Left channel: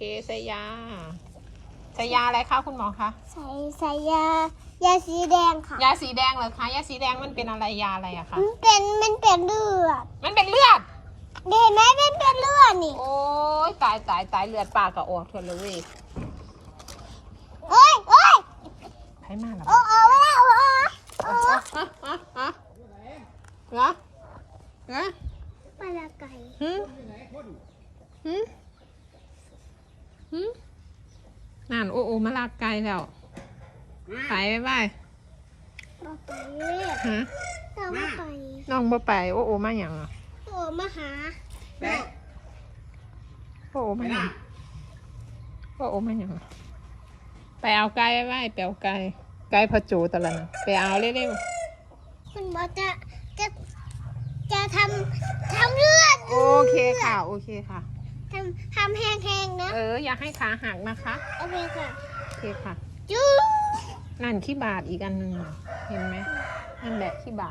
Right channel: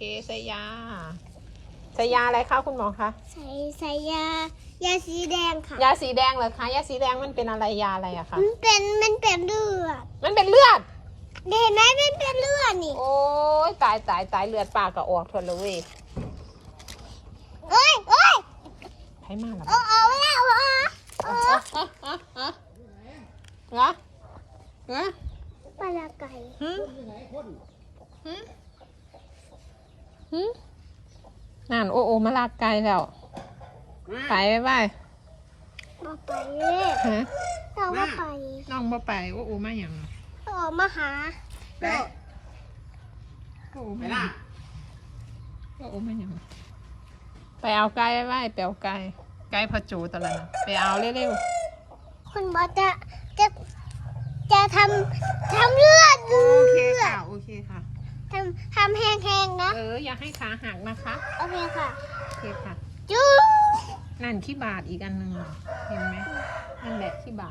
เกใส่ยาใส่ยาอะไรคะคุณหมอคะ ใส่ใส่ยายาสีแดงค่ะ ยาสีแดงเหรอคะ ยาสีแดงมันเป็นอะไรยาอะไรอะคะ มันเป็นมันเป็นเลือดมันเป็นเลือด เห็นไหมมันเป็นเลือดนี่ โอ้ยตายตายตายเลือดปากก็ออกทนเลยเว้ยโอ้ยโอ้ยให้มากหน่อยโอ้โอ้โอ้โอ้โอ้อะอะอะอะเหรอเหรอปลาไก่หืมหืม หืมนั่นโอโอมาลากไกลแล้วไปไปไปมาไปเลยฮะเรามาไปน้องบ่ไปโอโอมาหยังอะโอ้มาหาโอโอมาหยังโอโอมาหยังอะไปเอาไก่ไว้ไปเอาไก่ไก่พะโจตะละนะไปเอาเร็วคุณหมอจะจะจะทำทำเลือดๆโอเคค่ะ โอเคค่ะ ทำทำแห้งๆนะ เออ อย่าให้ขาหักนะคะ โอเคค่ะโอเคค่ะ จุ๊บ นั่นขี้บาดอีกอันหนึ่งอะเห็นไหมนั่นแหละขี้บาด